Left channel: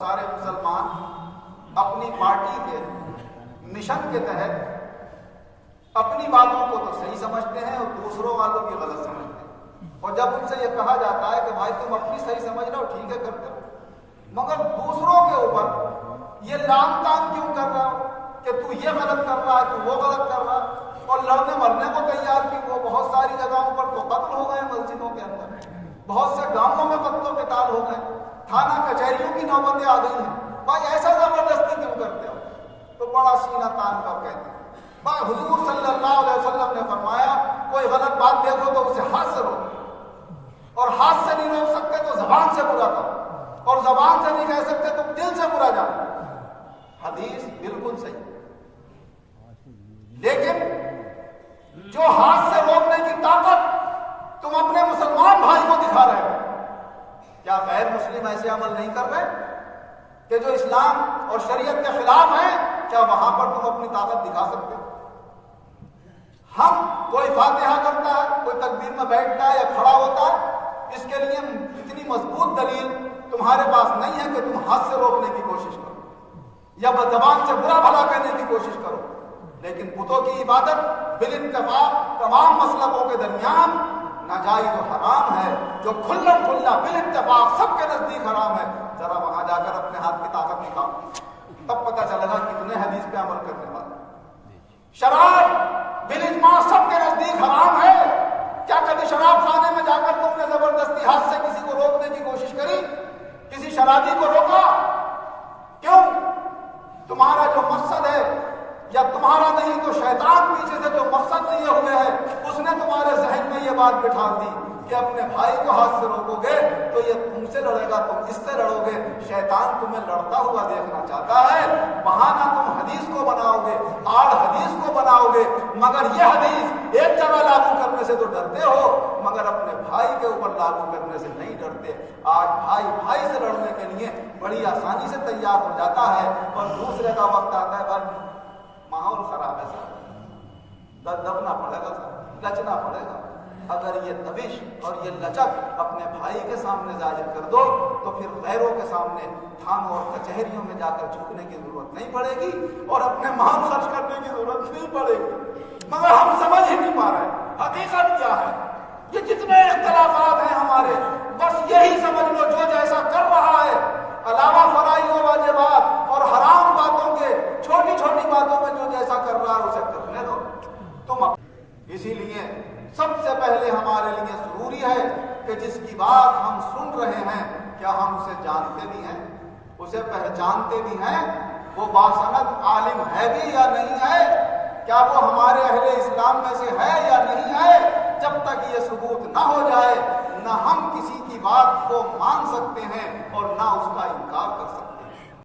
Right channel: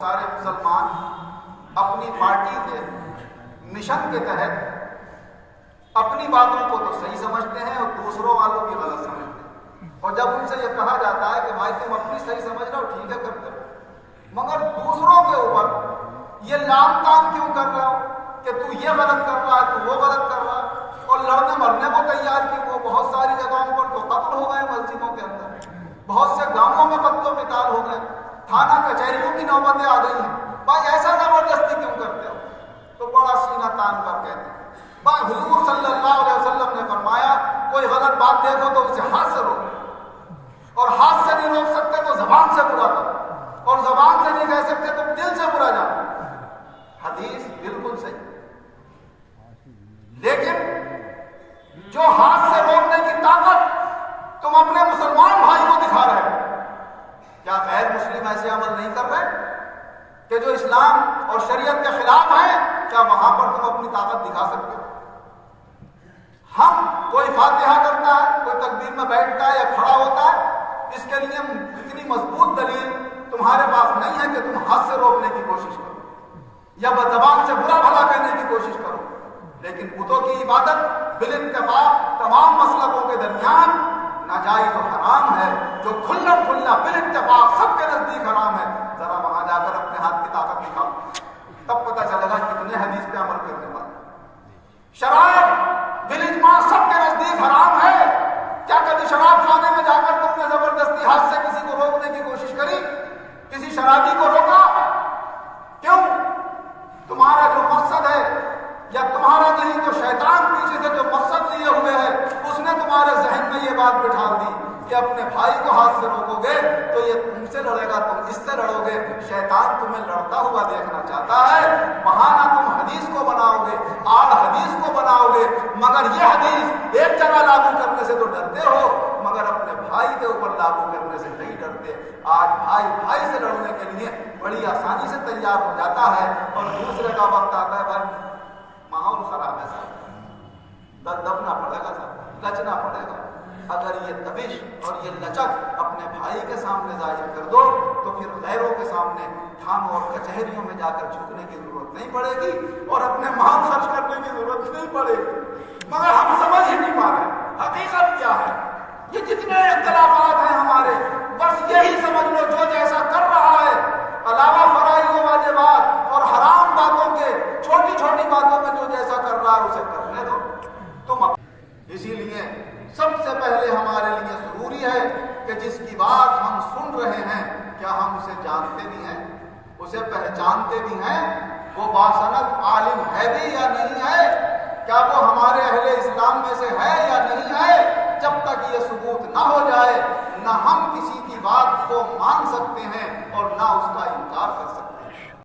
سارے مسلمان اپنی پارٹی کے مشن کے تحت اپنی باتوں کو تو صحیح سمجھتے ہیں اور دوسروں والوں کی غلط سمجھتے ہیں، اور جب ان سے یہ کہا جاتا ہے کہ بھائی تم اپنی صحیح سمجھ رہے ہو، ٹھیک ہے کرتے ہو، مگر دوسروں کے اوپر یہ لام تام کیوں کر رہے ہو کہ تو یہ غلط کر رہا ہے، تو وہ غلط کر رہا ہے، اور لڑنے مرنے کو تیار کیوں ہو؟ بہت ساری جگہوں پر تو قتل ہو گئے مسجدوں کے اندر، بہت سے گاؤں میں قتل و قتال ہو گئے، تھانہ کچہریوں کی نوبتیں آ گئی ہیں، بھائی ایسا زبردستی کیوں کرتے ہو؟ تو بڑا سینہ تان کر کہتے ہیں بھائی حضور صلی اللہ علیہ وسلم نے فرمایا کوئی غلط بات دیکھو تو اسے ہاتھ سے روکو، اور ہاتھ سے نہیں روک سکتے تو زبان سے برا کرو، اور زبان سے نہیں کہہ سکتے تو دل سے برا جانو۔ حدیث بالکل صحیح، لیکن جو ہاتھ سے روکنے کی طاقت تم اپنے مسلمان بھائی کو دکھا رہے ہو، کیا غیر مسلم ایسے عمل نہیں کر رہے کہ جو اسلام اور شریعت کے خلاف ہیں؟ کیا وہاں پر تم اپنی طاقت دکھا سکتے ہو؟ ہم کوئی فاتحہ کرتا ہے، کوئی تکبیر میں بیٹھتا ہے یا کھڑا ہوتا ہے، اس کے لیے اتنی مضبوط دلیل تمہارے پاس نہیں ہے کہ تم ہاتھ سے روکنے کی کوشش کرو یا زبان سے برا بھلا کہنے کی کوشش کرو، لیکن بتوں کی عبادت بالاتفاق تمام مسلکوں کے درمیان ناجائز و حرام ہے، جو کھلا بالاتفاق سب کے نزدیک حرام ہے۔ ذرا وہاں جا کر اپنے ہاتھ کی طاقت دکھاؤ، تب پتہ چلے گا کتنے حدیث پہ عمل کرنے والے۔ شراب بالاجماع سب کے نزدیک حرام ہے، کیا کبھی شراب خانے میں جا کر تم نے زبردستی ہاتھ سے کسی کو روکنے کی کوشش کری؟ کسی شرابی کو روکا؟ کیوں؟ تمہارا جو مقصد ہے، یا تمہارا نہیں تو شیطان پیچھے سے جو مقصد لیے ہوئے ہے، اس نے تمہارے ذہن میں یہ بات بٹھا دی کہ اپنے بھائی کو ہاتھ سے روکو گے تو یہ تم سے لڑے گا، تم اس سے لڑو گے، شیطان تمہیں لڑتا ہوا دیکھنا چاہتا ہے، بہانہ تم حدیث کو بناؤ گے، آڑ حدیث کو بناؤ گے، مگر یہ حدیث ایک جگہ لاگو کرنے سے تو ڈرتے ہو، مگر اپنے بھائی کے اوپر لاگو کرنے سے نہیں ڈرتے۔ آج بھائی سے لڑنے کے لیے بڑی آسانی سے تیار ہو جاتا ہے، اور دوسرے کا وقت آتا ہے بھائی ماحول خراب ہے صاحب، دبنا پڑے گا صاحب، لچنا پڑے گا۔ اگر یہ دبش اور یہ لچک اپنے بھائی کے سامنے ظاہر کر دو تو پھر غیروں کے سامنے تھانوں اور کچہریوں میں جا کر جھکنے کی ضرورت نہیں پڑے گی، اور اپنے مال خرچ کرنے کی ضرورت نہیں پڑے گی۔ مگر ہم سمجھ ہی نہیں پا رہے حقیقت کیا ہے۔ یہ جتنے اختلافات ہیں ہمارے، بس یہی سمجھ لو جو جیسا کر رہا ہے، علاوہ فرائض و واجبات اور حرام باتوں کے چھوٹی چھوٹی باتوں میں جو جیسا کر رہا ہے اسے کرنے دو تم۔ اسی لیے سب سے پہلے ہمارے لیے ضروری ہے کہ جس کی بات ہم سن رہے ہیں کیا ہم اسے جانتے بھی ہیں، اسے پہچانتے بھی ہیں، وہ باسند عالم ہے بھی یا نہیں ہے، کیا وہ ہمارے اہل اسلام میں سے ہے یا نہیں ہے۔ جب تک یہ ثبوت نہ ہو جائے، نہ ہم کسی کی بات کو مان سکتے ہیں اور نہ اس کا انکار کر سکتے ہیں۔